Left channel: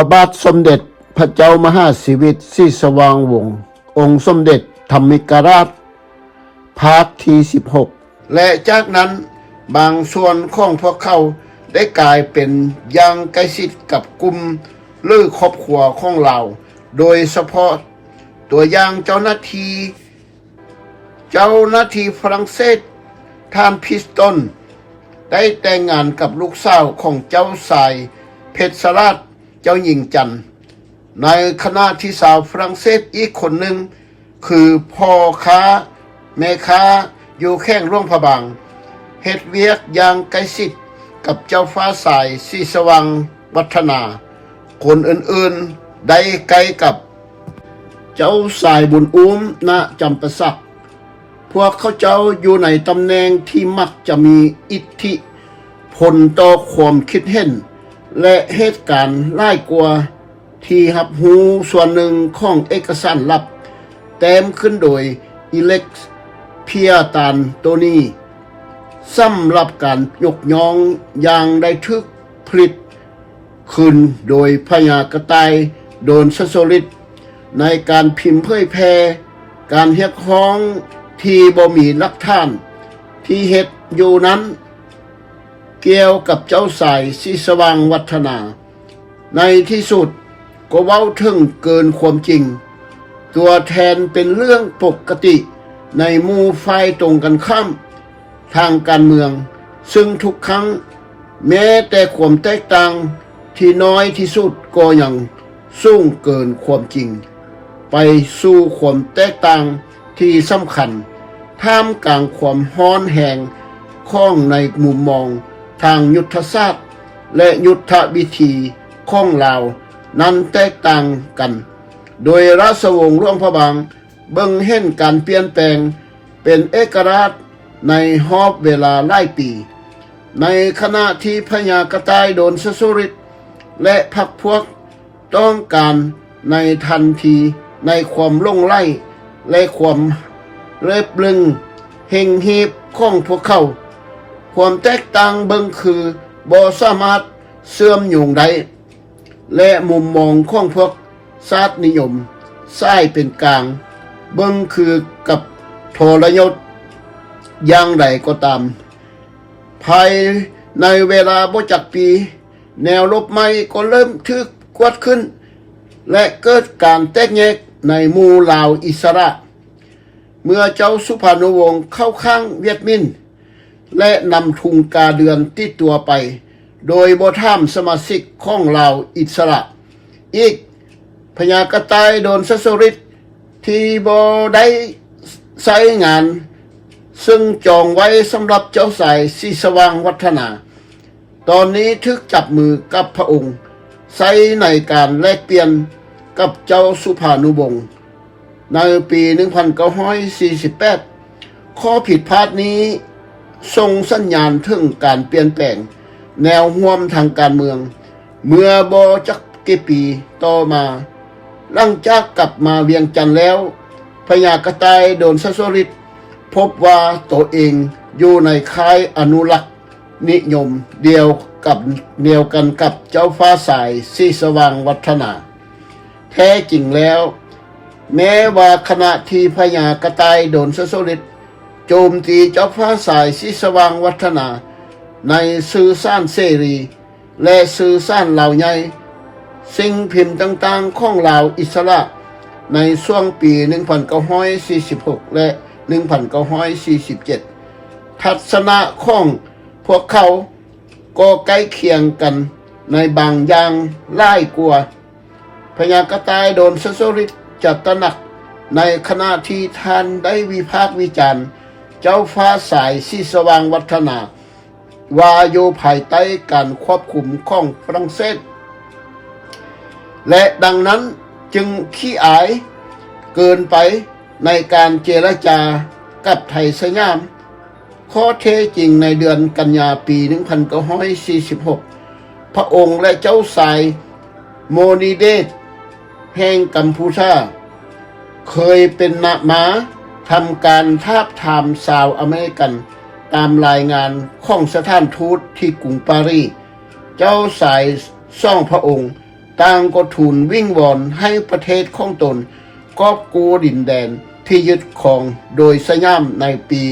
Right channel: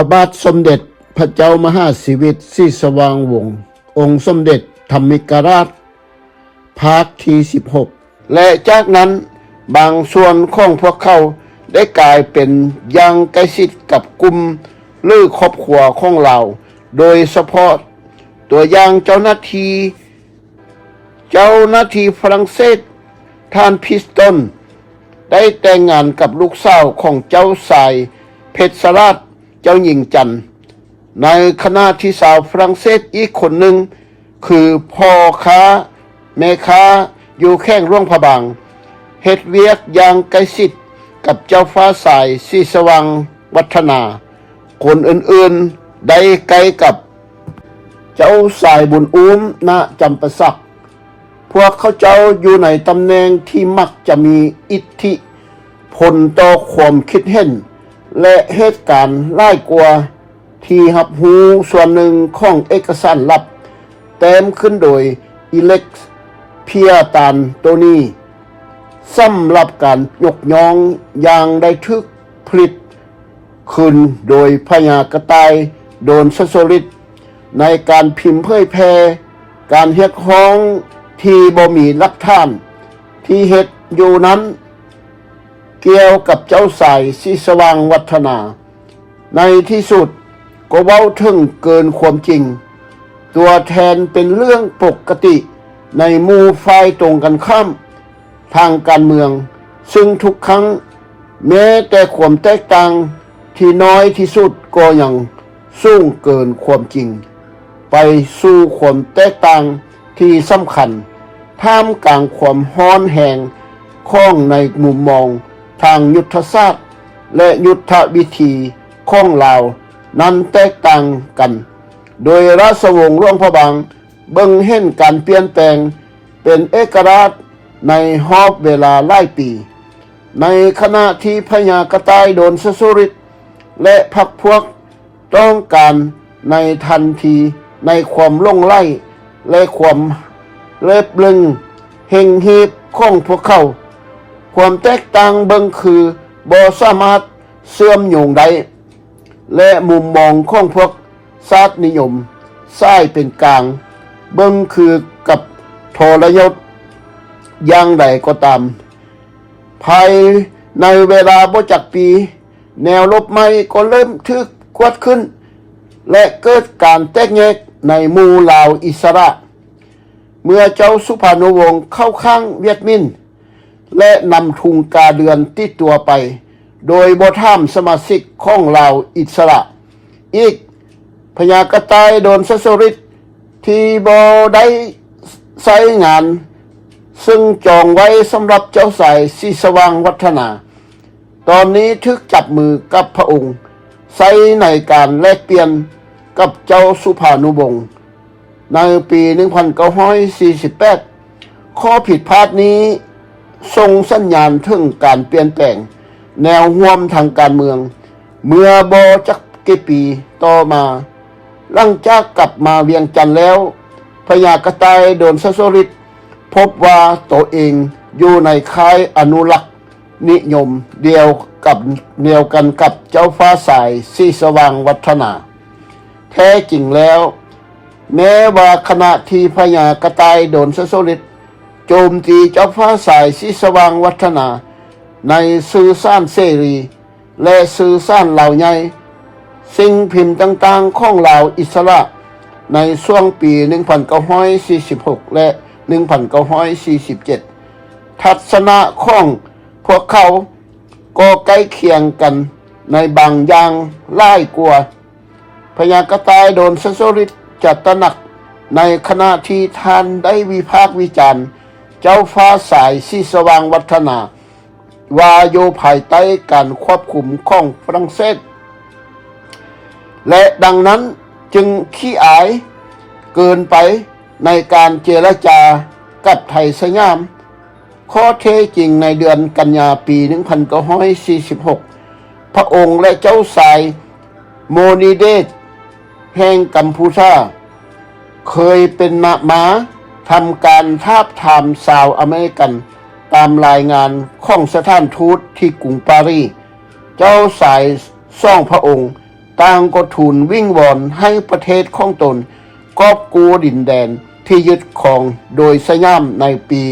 พระบาทสมเด็จพระเจ้ามหาสิริศรีสว่างวงศ์องค์สมเด็จธรรมิกราชภาคที่16และจากนั้นบางส่วนของพวกเขาได้กลายเป็นยังใกล้ชิดกับกลุ่มหรือครอบครัวของเราโดยเฉพาะตัวอย่างเจ้าหน้าที่ฝรั่งเศสท่านพิสตันได้แต่งงานกับลูกสาวของเจ้าชายเพชรราชเจ้าหญิงจันทร์ในขณะที่สาวฝรั่งเศสอีกคนหนึ่งคือพ่อค้าแม่ค้าอยู่แข้งร่วงพระบางเฮ็ดเวียกอย่างใกล้ชิดกับเจ้าฟ้าสายศรีสว่างวัฒนาคนอื่นๆได้ใกล้กับเจ้าสายบุญอุ้มณจำปาสักพวกเขาเจ้าอยู่ในตำแหน่งที่มักจะมีอิทธิพลต่อความคิดเห็นและเหตุการณ์หลายกว่าที่รับรู้ส่วนหนึ่งของเอกสารลับเต็มขึ้นโดยอิเล็กซ์เพียตานโตนีสำหรับการยกย่องอย่างได้ทึกผลิตขึ้นโดยพญากระต่ายโดนสสริตในการพิมพ์เผยแพร่การเรียกร้องที่บ่มีหลักฐานที่เฮ็ดอยู่นั้นเกี่ยวกับเจ้าสายศรีสว่างวัฒนาในที่สุดก็เว้าถึงเกินความจริงตัวแทนเป็นเรื่องปกติในหมู่ฝ่ายตรงกันข้ามทางการเมืองซึ่งทุกครั้งแม้แต่ความแตกต่างที่น้อยที่สุดก็ยังสูงเกินความจริงไปสู่ความแตกต่างที่สำคัญท่ามกลางความฮ้อนแหงของในมุมมองทางยุทธศาสตร์และยุทธวิธีของเรานั้นแตกต่างกันโดยราชวงศ์ร่วงพระบางเบิ่งเห็นการเปลี่ยนแปลงเป็นเอกราชในรอบเวลาหลายปีในขณะที่พญากระต่ายโดนสสริตและพรรคพวกต้องการในทันทีในความลงไล่และความเล็บลึงเฮงฮีบของพวกเขาความแตกต่างเบิ่งคือบ่สามารถเสื่อมโยงได้และมุมมองของพวกชาตินิยมซ้ายเป็นกลางเบิ่งคือกับทรยศอย่างใดก็ตามภายในเวลาบ่จักปีแนวรบใหม่ก็เริ่มทึกกวดขึ้นและเกิดการแตกแยกในหมู่ลาวอิสระเมื่อเจ้าสุภานุวงศ์เข้าข้างเวียดมินและนำทุงกาเดือนติดตัวไปโดยบ่ถามสมาชิกของลาวอิสระอีกพญากระต่ายโดนสสริตที่บ่ได้ใช้งานซึ่งจองไว้สำหรับเจ้าสายศรีสว่างวัฒนาตอนนี้ทึกจับมือกับพระองค์ใช้ในการแลกเปลี่ยนกับเจ้าสุภานุวงศ์ในปี 1948 ข้อผิดพลาดนี้ส่งสัญญาณถึงการเปลี่ยนแปลงแนวร่วมทางการเมืองเมื่อบ่จักกี่ปีต่อมาหลังจากกลับมาเวียงจันทน์แล้วพญากระต่ายโดนสสริตพบว่าตัวเองอยู่ในค่ายอนุรักษ์นิยมเดียวกันกับเจ้าฟ้าสายศรีสว่างวัฒนาแท้จริงแล้วแม้ว่าขณะที่พญากระต่ายโดนสสริตโจมตีเจ้าฟ้าสายศรีสว่างวัฒนาในสื่อสารเสรีและสื่อสารเหล่าใหญ่สิ่งพิมพ์ต่างๆของลาวอิสระในช่วงปี 1946 และ 1947 ทัศนะของพวกเขาก็ใกล้เคียงกันในบางอย่างหลายกว่าพญากระต่ายโดนสสริตจะตระหนักในขณะที่ท่านได้วิพากษ์วิจารณ์เจ้าฟ้าสายศรีสว่างวัฒนาว่าอยู่ภายใต้การควบคุมของฝรั่งเศสและดังนั้นจึงขี้อายเกินไปในการเจรจากับไทยสยามข้อเท็จจริงในเดือนกันยาปี 1946 พระองค์และเจ้าสายโมนีเดชแห่งกัมพูชาเคยเป็นนามาทำการทาบทามชาวอเมริกันตามรายงานของสถานทูตที่กรุงปารีสเจ้าสายซ่องพระองค์ ต่างก็ทูลวิ่งวอนให้ประเทศของตนกอบกู้ดินแดนที่ยึดครองโดยสยามในปี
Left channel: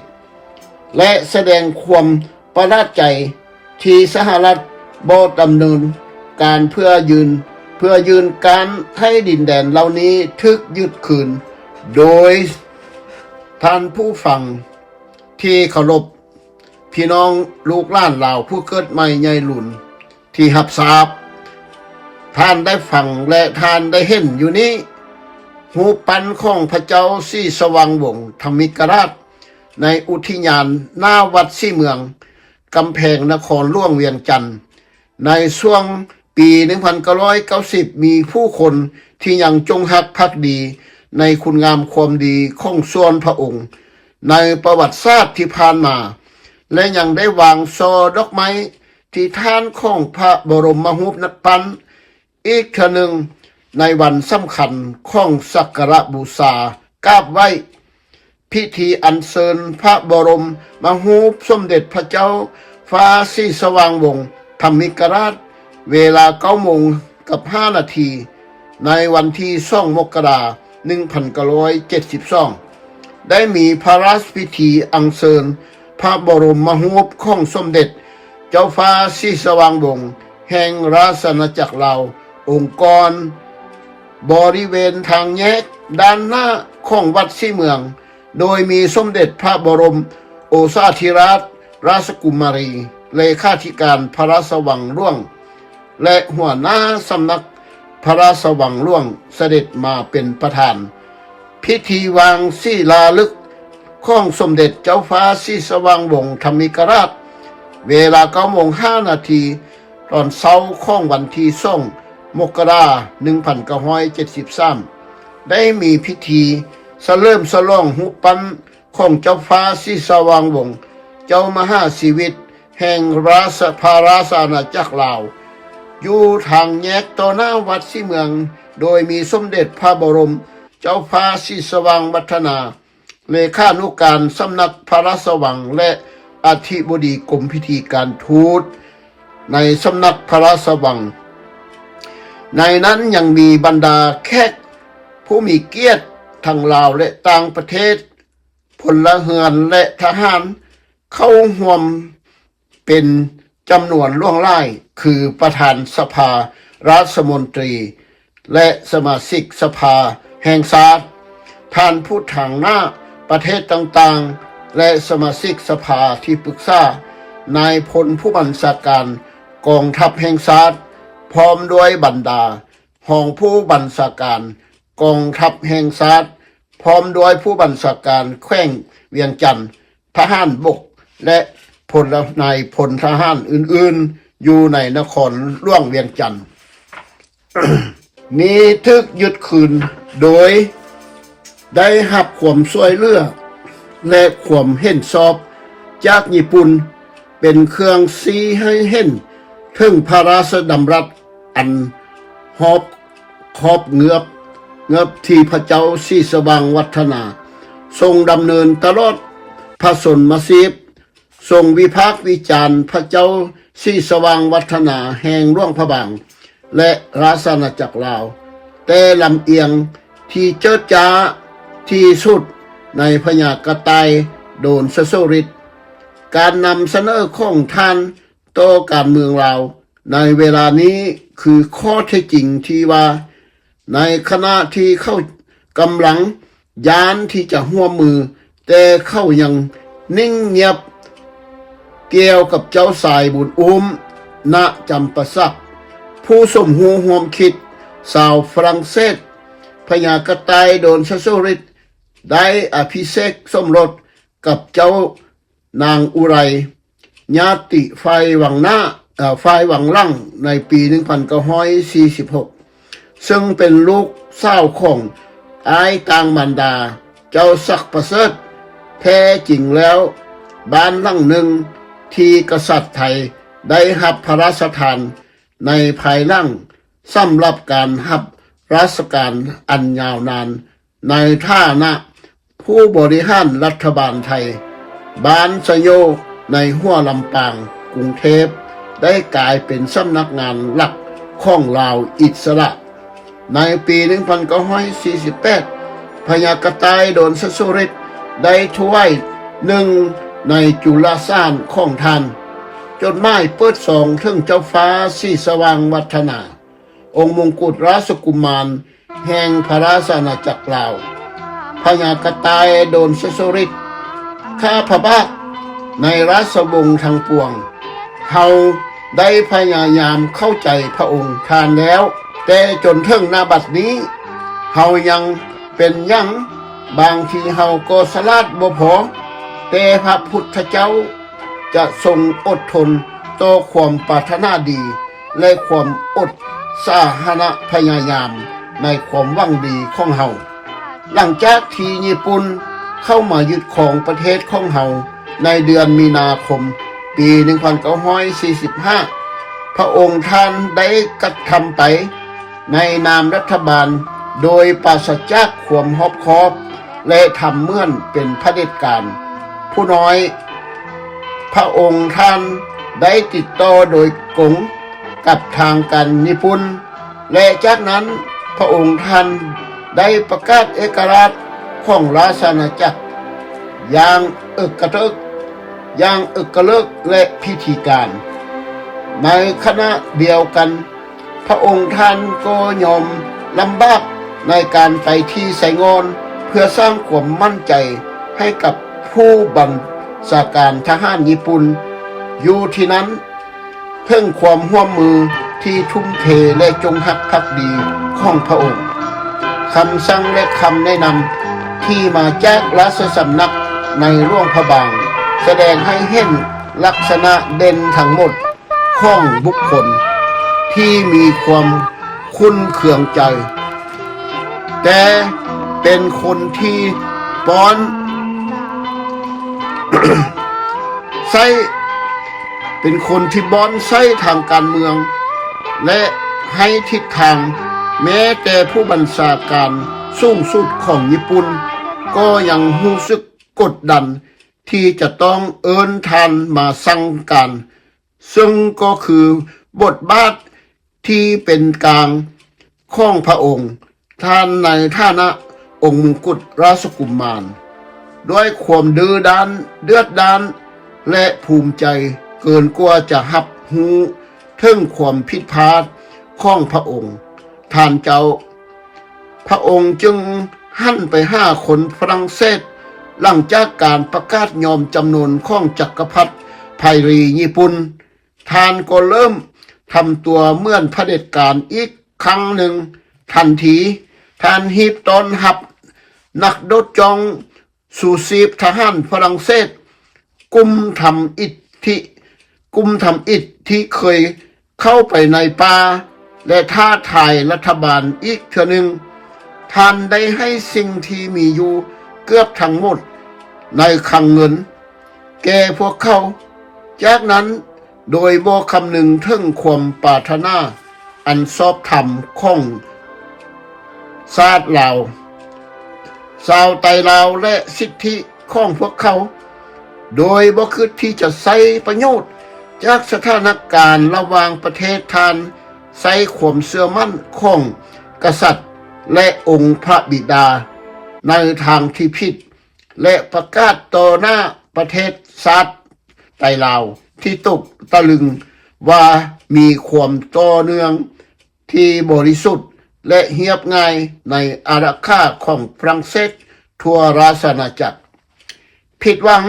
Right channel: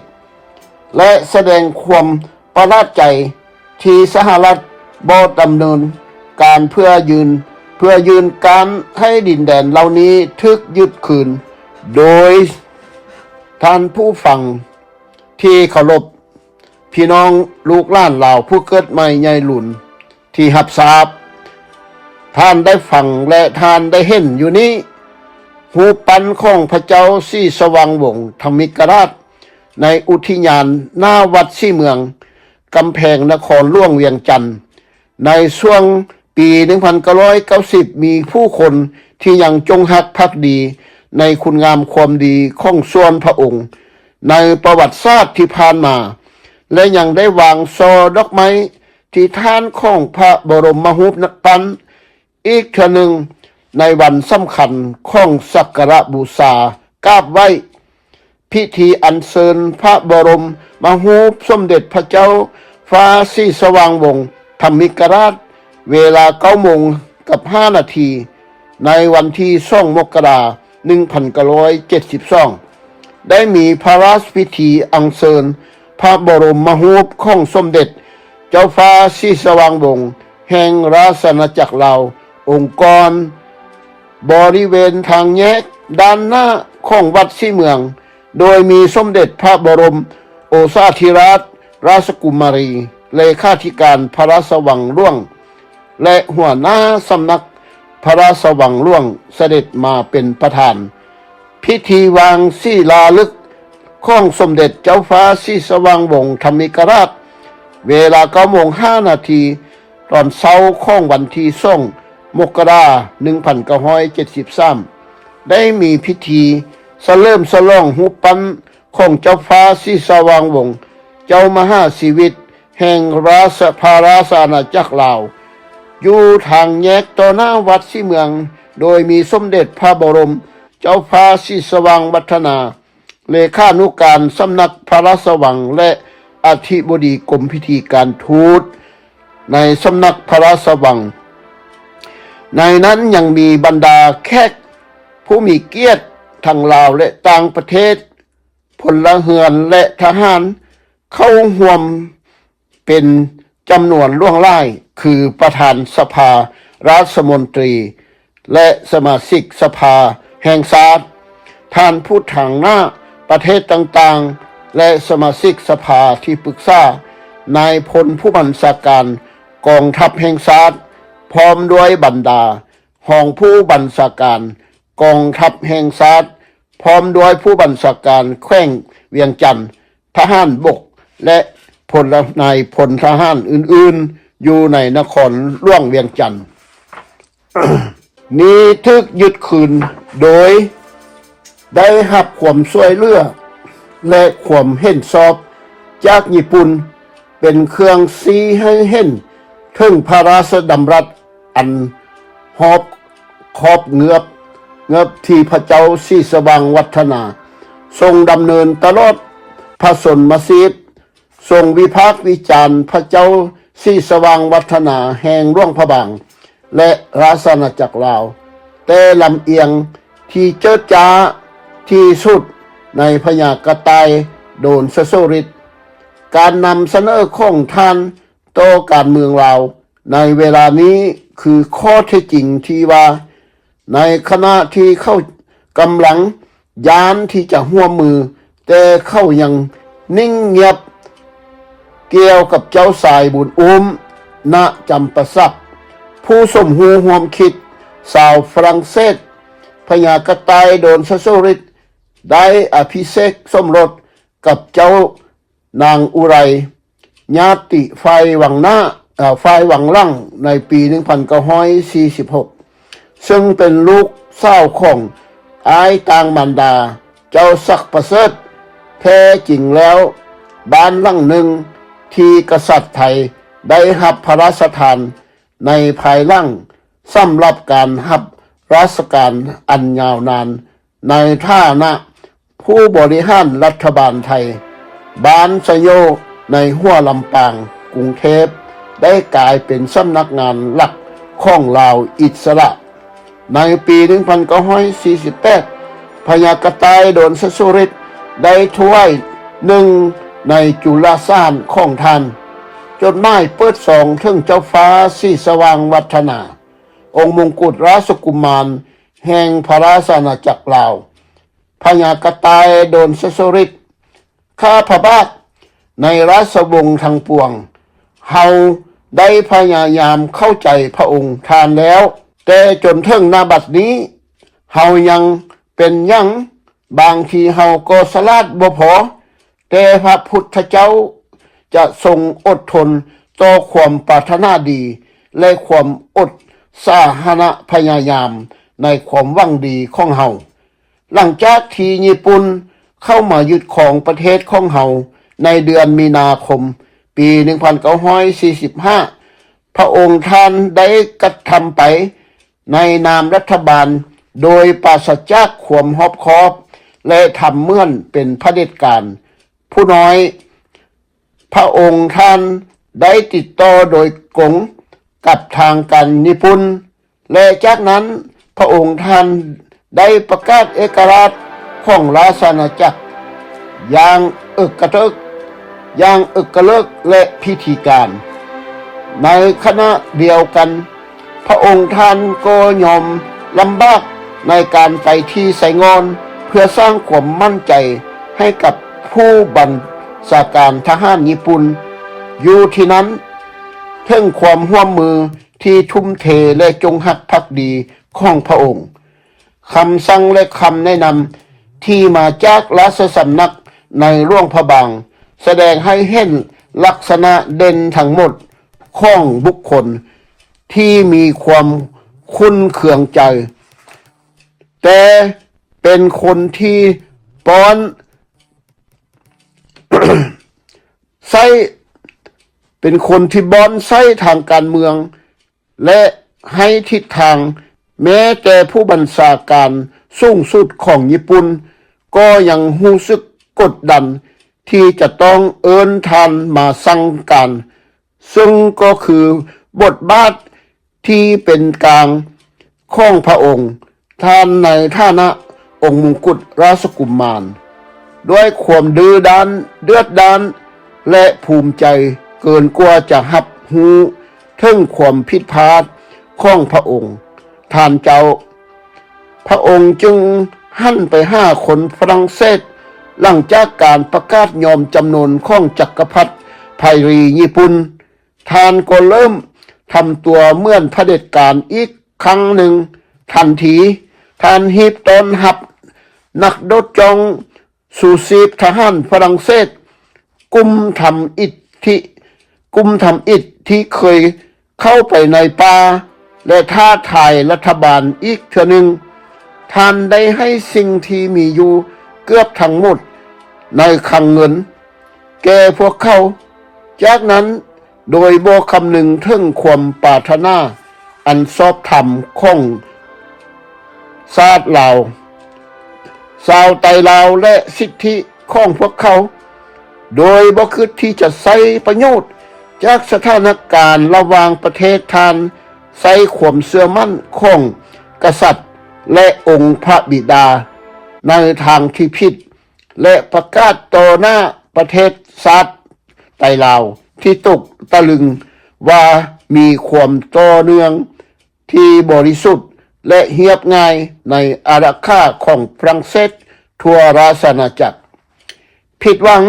1941 และแสดงความประหลาดใจที่สหรัฐบ่ดำเนินการเพื่อยืนการให้ดินแดนเหล่านี้ถูกยึดคืนโดยท่านผู้ฟังที่เคารพพี่น้องลูกหลานลาวผู้เกิดใหม่ใหญ่หลุนที่รับทราบท่านได้ฟังและท่านได้เห็นอยู่นี้หูปันของพระเจ้าศรีสว่างวงศ์ธรรมิกราชในอุทยานหน้าวัดศรีเมืองกำแพงนครหลวงเวียงจันทน์ในช่วงปี 1990 มีผู้คนที่ยังจงรักภักดีในคุณงามความดีของส่วนพระองค์ในประวัติศาสตร์ที่ผ่านมาและยังได้วางซอดอกไม้ที่ท่านของพระบรมรูปปันอีกเทื่อหนึ่งในวันสำคัญของสักการะบูชากราบไหว้พิธีอัญเชิญพระบรมรูปสมเด็จพระเจ้าฟ้าศรีสว่างวงศ์ธรรมิกราชเวลา 9:05 นาทีในวันที่2 มกราคม 1972 ได้มีพระราชพิธีอัญเชิญพระบรมรูปของสมเด็จเจ้าฟ้าศรีสว่างวงศ์แห่งราชอาณาจักรลาวองค์กรบริเวณทางแยกด้านหน้าของวัดศรีเมืองโดยมีสมเด็จพระบรมโอษาธิราชราชกุมารีเลขาธิการพระราชวังหลวงและหัวหน้าสำนักพระราชวังหลวงเสด็จมาเป็นประธานพิธีวางศิลาฤกษ์ของสมเด็จเจ้าฟ้าศรีสว่างวงศ์ธรรมิกราชเวลา 9:05 นาทีตอนเช้าของวันที่2 มกราคม 1973 ได้มีพิธีเฉลิมฉลองรูปปั้นของเจ้าฟ้าศรีสว่างวงศ์เจ้ามหาชีวิตแห่งราชอาณาจักรลาวอยู่ทางแยกต่อหน้าวัดศรีเมืองโดยมีสมเด็จพระบรมเจ้าฟ้าศรีสว่างวัฒนาเลขานุการสำนักพระราชวังและอธิบดีกรมพิธีการทูตในสำนักพระราชวังในนั้นยังมีบรรดาแขกผู้มีเกียรติทั้งลาวและต่างประเทศพลเรือนและทหารเข้าร่วมเป็นจำนวนล่วงหลายคือประธานสภารัฐมนตรีและสมาชิกสภาแห่งชาติท่านผู้ทางหน้าประเทศต่างๆและสมาชิกสภาที่ปรึกษานายพลผู้บัญชาการกองทัพแห่งชาติพร้อมด้วยบรรดารองผู้บัญชาการกองทัพแห่งชาติพร้อมด้วยผู้บัญชาการแขวงเวียงจันทน์ทหารบกและพลนายพลทหารอื่นๆอยู่ในนครหลวงเวียงจันทน์ นี้ถูกยึดคืนโดยได้รับความช่วยเหลือและความเห็นชอบจากญี่ปุ่นเป็นเครื่องชี้ให้เห็นถึงพระราชดำรัสอันหอบครอบเงือบที่พระเจ้าศรีสว่างวัฒนาทรงดำเนินตลอดพระชนมชีพทรงวิพากษ์วิจารณ์พระเจ้าศรีสว่างวัฒนาแห่งหลวงพระบางและราชอาณาจักรลาวแต่ลำเอียงที่เจิดจ้าที่สุดในพญากระต่ายโดนสโสริตการนำเสนอของท่านต่อการเมืองลาวในเวลานี้คือข้อเท็จจริงที่ว่าในขณะที่เขากำลังยานที่จะหัวมือแต่เขายังนิ่งเงียบเกี่ยวกับเจ้าสายบุญอุ้มณจำปาสักผู้สมหูห่วมคิดชาวฝรั่งเศสพญากระต่ายโดนสโสริตได้อภิเษกสมรสกับเจ้านางอุไรญาติฝ่ายหวังลั่งในปี 1946 ซึ่งเป็นลูกสาวของอ้ายต่างมารดาเจ้าศักดิ์ประเสริฐแท้จริงแล้วบ้านหลังหนึ่งที่กษัตริย์ไทยได้รับพระราชทานในภายหลังสำหรับการรับราชการอันยาวนานในฐานะผู้บริหารรัฐบาลไทยบ้านสยโยในหัวลำปางกรุงเทพ ได้กลายเป็นสำนักงานหลักของลาวอิสระในปี1948พญากระต่ายโดนสุริตได้ถ้วยหนึ่งในจุลสารของท่านจดหมายเปิดสองถึงเจ้าฟ้าสีสว่างวัฒนาองค์มงกุฎราชกุมารแห่งพระราชอาณาจักรลาวพญากระต่ายโดนสุริตข้าพระบาทในราชวงศ์ทั้งปวงเฮาได้พยายามเข้าใจพระองค์ท่านแล้วแต่จนถึงนาบัดนี้เฮายังเป็นยังบางทีเฮาก็สลาดบ่พอแต่พระพุทธเจ้าจะทรงอดทนต่อความปรารถนาดีและความอดสาหนะพยายามในความหวังดีของเฮาหลังจากที่ญี่ปุ่นเข้ามายึดของประเทศของเฮาในเดือนมีนาคมปี1945พระองค์ท่านได้กระทำไปในนามรัฐบาลโดยปราศจากความรอบคอบและทำเหมือนเป็นเผด็จการผู้น้อยพระองค์ท่านได้ติดต่อโดยกงกับทางการญี่ปุ่นและจากนั้นพระองค์ท่านได้ประกาศเอกราชของราชอาณาจักรอย่างอึกระทึกและพิธีการในขณะเดียวกันพระองค์ท่านก็ยอมลำบากในการไปที่ไซงอนเพื่อสร้างความมั่นใจให้กับผู้บัญชาการทหารญี่ปุ่นอยู่ที่นั้นเพิ่งความร่วมมือที่ทุ่มเทและจงรักภักดีของพระองค์คำสั่งและคำแนะนำที่มาจากราชสำนักในหลวงพระบางแสดงให้เห็นลักษณะเด่นทั้งหมดของบุคคลที่มีความคุ้นเคืองใจแต่เป็นคนที่ป้อน ไส้เป็นคนที่บอนไส้ทางการเมืองและให้ทิศทางแม้แต่ผู้บัญชาการสูงสุดของญี่ปุ่นก็ยังรู้สึกกดดันที่จะต้องเอิ้นท่านมาสั่งการซึ่งก็คือบทบาทที่เป็นกลางของพระองค์ท่านในฐานะองค์มงกุฎราชกุมารด้วยความดื้อด้านเดือดดาลและภูมิใจเกินกว่าจะรับรู้ถึงความผิดพลาดของพระองค์ท่านเจ้าพระองค์จึงหันไปหาคนฝรั่งเศสหลังจากการประกาศยอมจำนนของจักรพรรดิไพรีญี่ปุ่นท่านก็เริ่มทำตัวเหมือนเผด็จการอีกครั้งหนึ่งทันทีท่านฮีบต้อนรับนักโดดจองสู่ชีพทหารฝรั่งเศสกุมทำอิฐที่เคยเข้าไปในป่าและท้าทายรัฐบาลอีกเทื่อหนึ่งท่านได้ให้สิ่งที่มีอยู่เกือบทั้งหมดในคลังเงินแก่พวกเขาจากนั้นโดยบ่คำนึงถึงความปรารถนาอันชอบธรรมของชาติลาวชาวไทยลาวและสิทธิของพวกเขาโดยบ่คิดที่จะใช้ประโยชน์จากสถานการณ์ระหว่างประเทศทานใช้ความเชื่อมั่นของกษัตริย์และองค์พระบิดาในทางที่ผิดและประกาศต่อหน้าประเทศชาติไทยลาวที่ตกตะลึงว่ามีความต่อเนื่องที่บริสุทธิ์และเรียบง่ายในอาณาเขตของฝรั่งเศสทั่วราชอาณาจักรผิดหวัง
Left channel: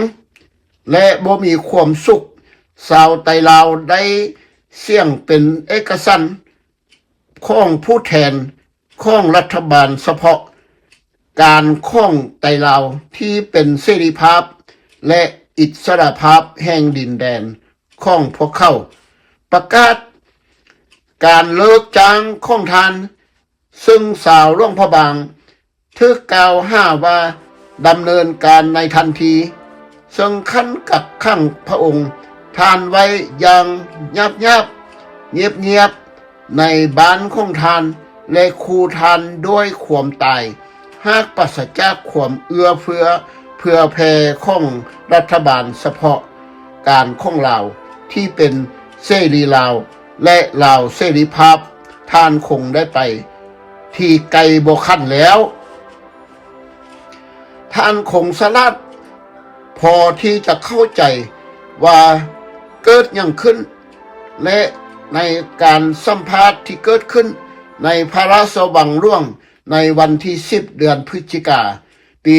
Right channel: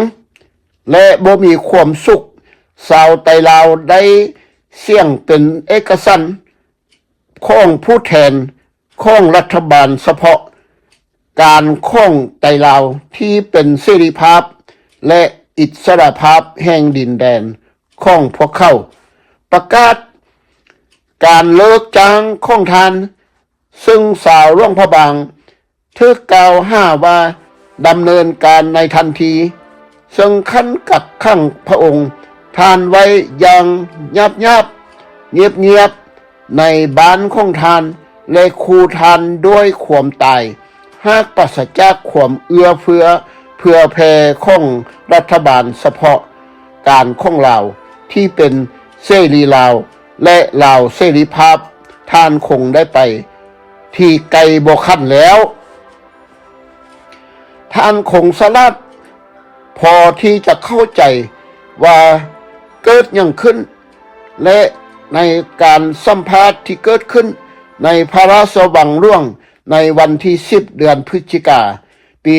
และบ่มีความสุขชาวไทยลาวได้เสี่ยงเป็นเอกฉันท์ของผู้แทนของรัฐบาลเฉพาะการของไทยลาวที่เป็นเสรีภาพและอิสรภาพแห่งดินแดนของพวกเขาประกาศการเลิกจ้างของทานซึ่งสาวหลวงพระบางถูกกล่าวหาว่าดำเนินการในทันทีซึ่งขั้นกักขังพระองค์ท่านไว้อย่างเงียบในบ้านของทานและคูทานด้วยความตายหากปราศจากความเอื้อเพื่อแผ่ของรัฐบาลเฉพาะการของเราที่เป็น เสรีลาวและลาวเสรีภาพท่านคงได้ไปที่ไกลบ่คันแล้วท่านคงสลัดพอที่จะเข้าใจว่าเกิดอย่างขึ้นและในการสัมภาษณ์ที่เกิดขึ้นในพระราชวังร่วงในวันที่10เดือนพฤศจิกาปี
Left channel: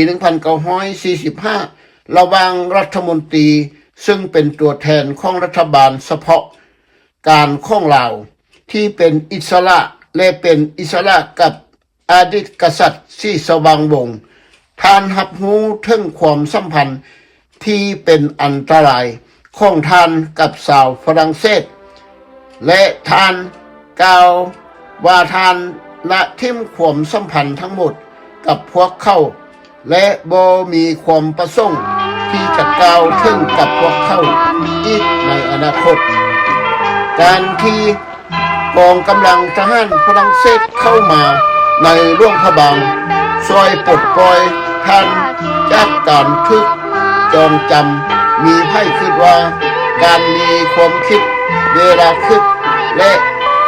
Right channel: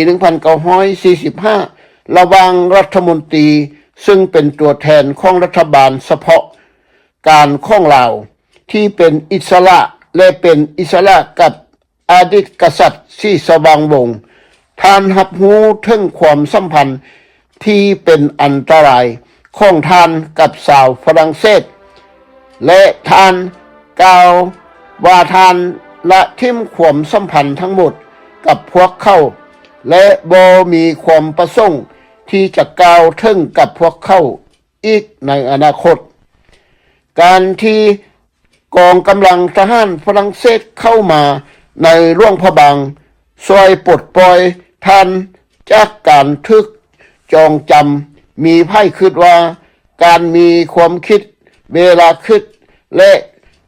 1945ระหว่างรัฐมนตรีซึ่งเป็นตัวแทนของรัฐบาลเฉพาะการของลาวที่เป็นอิสระและเป็นอิสระกับอดีตกษัตริย์ศรีสว่างวงศ์ท่านรับรู้ถึงความสัมพันธ์ที่เป็นอันตรายของท่านกับชาวฝรั่งเศสและท่านกล่าวว่าท่านละทิ้งความสัมพันธ์ทั้งหมดกับพวกเขาและบ่มีความประสงค์ที่จะกล่าวถึงกับพวกเขาอีกในอนาคตการที่กองกำลังทหารฝรั่งเศสเข้ามาในหลวงพระบางช่วยปลดปล่อยท่านจากการทึกจองจำมีไพ่คิดว่าการมีความคิดเวลาคิดและ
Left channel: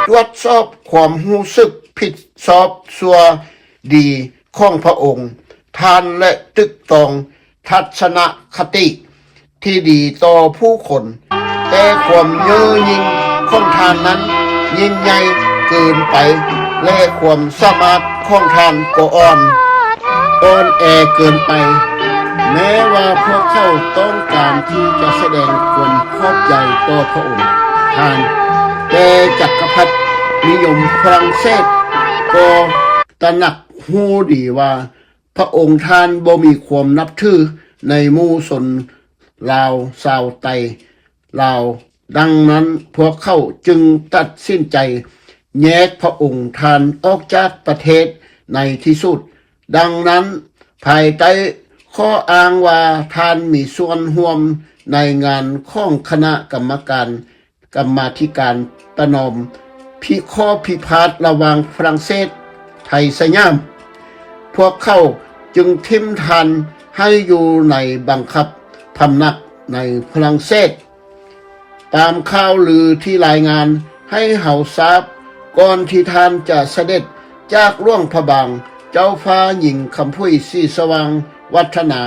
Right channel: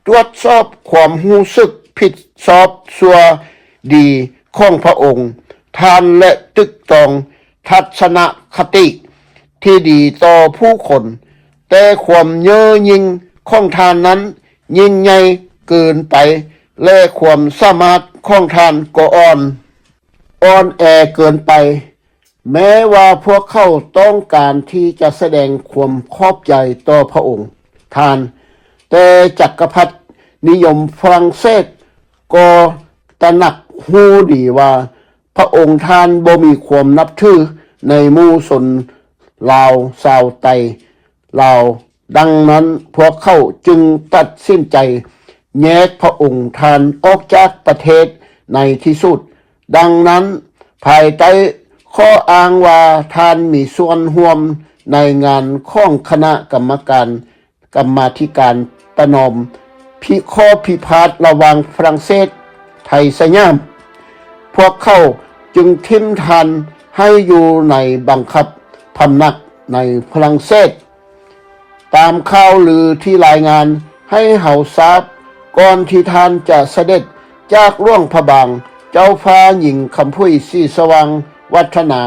ตรวจสอบความรู้สึกผิดชอบชั่วดีของพระองค์ท่านและตึกตองทัศนคติที่ดีต่อผู้คนแต่ความเย่อหยิ่งของท่านนั้นยิ่งใหญ่เกินไปและความสามารถของท่านก็อ่อนแอเกินไปแม้ว่าพวกเขาต้องการที่จะแสดงความขอบใจต่อพระองค์ท่านแต่จักรพรรดินิยมฝรั่งเศสก็ตระหนักรู้ดีว่าพระองค์ท่านบ่มีความนับถือในหมู่ชนลาวชาวไตลาวดังนั้นพวกเขาจึงตัดสินใจแยกพระองค์ท่านออกจากประเทศในที่สุดดังนั้นภายใต้ข้ออ้างว่าท่านมีส่วนร่วมในงานของคณะกรรมาธิการประนอมข้อพิพาทระหว่างฝรั่งเศสไทยสยามพวกเขาจึงทิ้มท่านให้อยู่ในบังคับพำนักในฝรั่งเศสตามข่าวลือที่รายงานให้เฮาทราบก่อนที่ท่านจะเสด็จจากหลวงพระบางเจ้าฟ้าหญิงคำพุ้ยศรีสว่างวัฒนา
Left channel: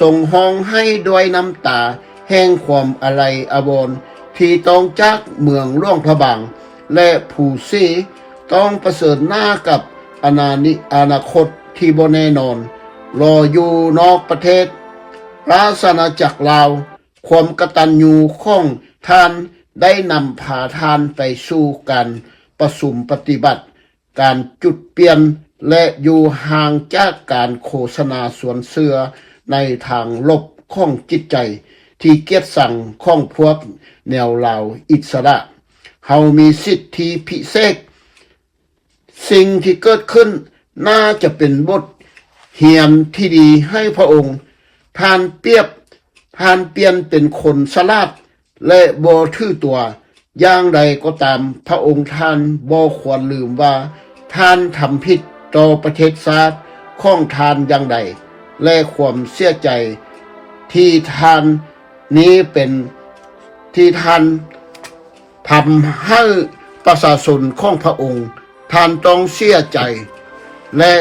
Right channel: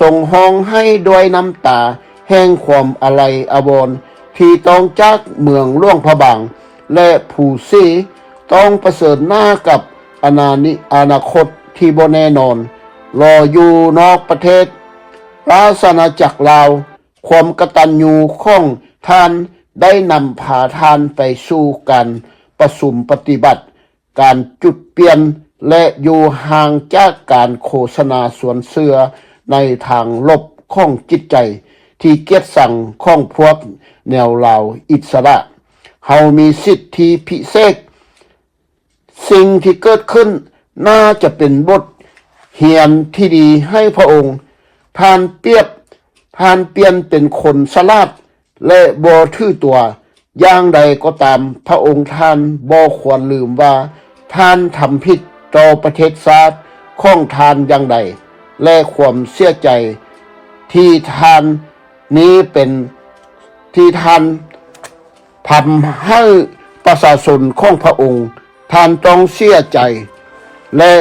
ส่งห้องให้ด้วยน้ำตาแห่งความอาลัยอาวรณ์ที่ต้องจากเมืองหลวงพระบางและผู้ซีต้องประเสริฐหน้ากับอนาคตที่บ่แน่นอนรออยู่นอกประเทศราชอาณาจักรลาวความกตัญญูของท่านได้นำพาท่านไปสู่การประสุมปฏิบัติการจุดเปลี่ยนและอยู่ห่างจากการโฆษณาสวนเสือในทางลบของจิตใจที่เกียจสั่งของพวกแนวลาวอิสระเฮามีสิทธิพิเศษสิ่งที่เกิดขึ้นน่าจะเป็นบทเรียนที่ดีให้พระองค์ท่านเปลี่ยนเป็นคนฉลาดและบ่ถือตัวอย่างใดก็ตามพระองค์ท่านบ่ควรลืมว่าท่านทำผิดต่อประเทศชาติของท่านอย่างใดและความเสียใจที่ท่านนี้เป็นที่ท่านทำให้ประชาชนของพระองค์ท่านต้องเสียใจและ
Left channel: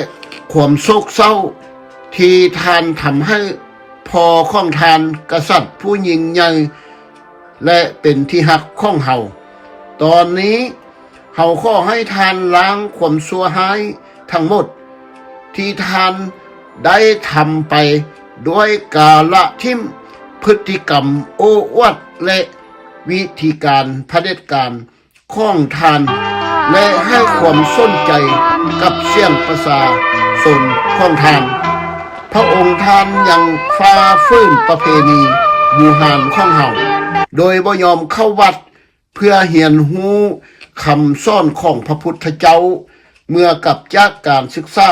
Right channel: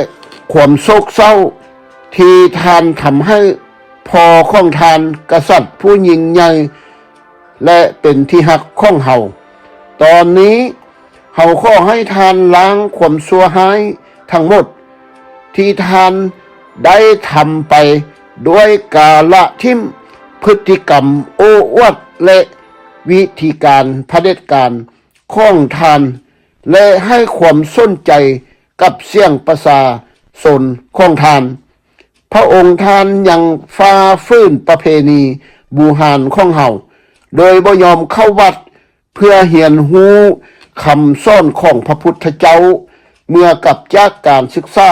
ความโศกเศร้าที่ท่านทำให้พ่อของท่านกษัตริย์ผู้ยิ่งใหญ่และเป็นที่ฮักของเฮาตอนนี้เฮาขอให้ท่านล้างความชั่วร้ายทั้งหมดที่ท่านได้ทำไปด้วยกาละทิ่มพฤติกรรมโอ้อวดและวิธีการเผด็จการของท่านและให้ความสนใจกับเสียงประชาชนของท่านพระองค์ท่านยังฝ่าฝืนประเพณีบูหานของเฮาโดยบ่ยอมเข้าวัดเพื่อเรียนรู้คำสอนของพระพุทธเจ้าเมื่อกลับจากการศึกษา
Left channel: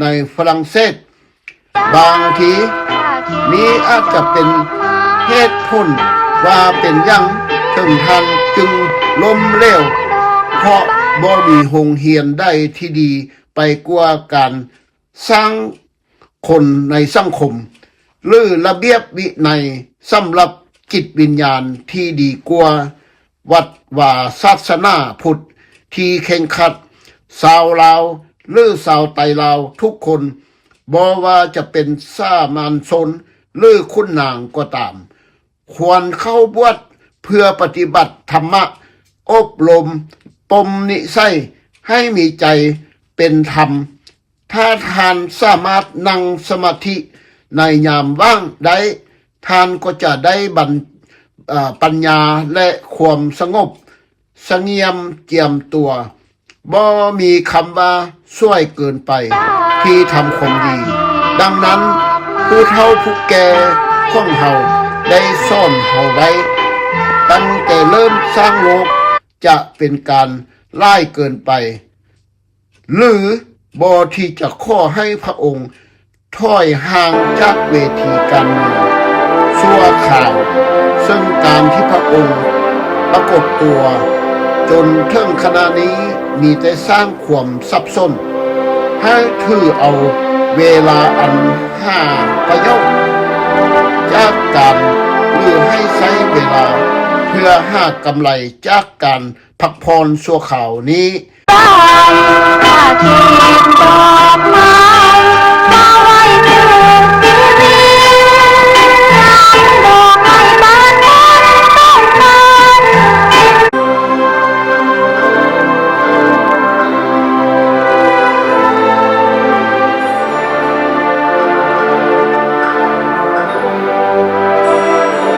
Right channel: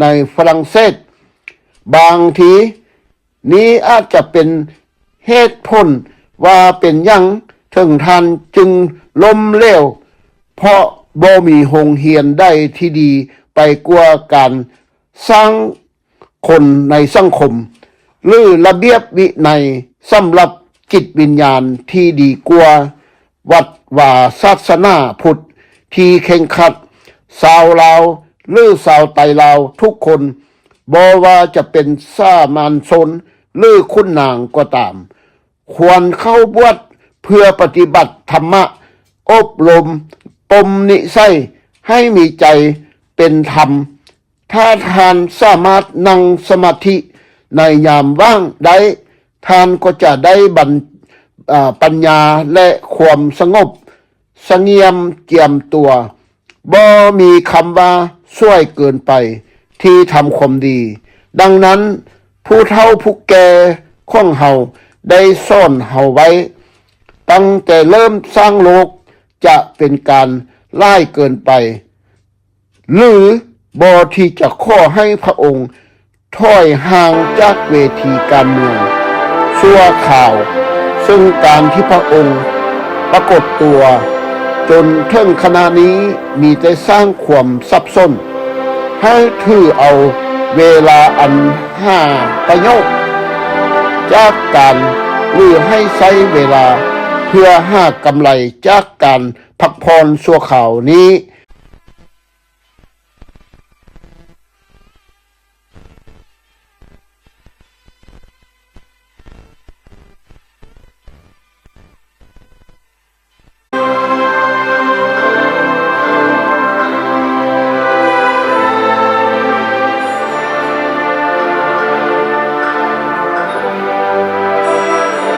ในฝรั่งเศสบางทีนี้อาจจะเป็นเหตุผลว่าเป็นอย่างถึงท่านจึงล้มเหลวเพราะบ่มีโรงเรียนใดที่ดีไปกว่าการสร้างคนในสังคมหรือระเบียบวินัยสำหรับจิตวิญญาณที่ดีกว่าวัด ว่าศาสนาพุทธที่เข่งขัดชาวลาวหรือชาวไตลาวทุกคนบ่ว่าจะเป็นสามัญชนหรือคุณนางก็ตาม ควรเข้าบวชเพื่อปฏิบัติธรรมะอบรมปมนิสัยให้มีใจเป็นธรรม ถ้าทานสามารถนั่งสมาธิในยามว่างได้ท่านก็จะได้ปัญญาและความสงบเสงี่ยมเจียมตัวบ่มีคำว่าช่วยเกินไปที่ทำความดี ดังนั้นผู้เฒ่าผู้แก่ของเฮาได้ซ่อนเฮาไว้ ตั้งแต่เริ่มสร้างโลกจะเป็นการล่ายเกินไป หรือบอที่จะข้อให้พระองค์ถอยห่างจากเวทีการเมืองชั่วข่าว ซึ่งการที่พระองค์ปรากฏตัว จนถึงขณะนี้มีแต่สร้างความสับสนให้ถือเอาเวลาอันห้าประโยชน์จากการหรือให้ใช้เวลาเพื่อหากำไรจากการพักผ่อนชั่วข่าวนี้ บ้านอาทิตย์ดอกไม้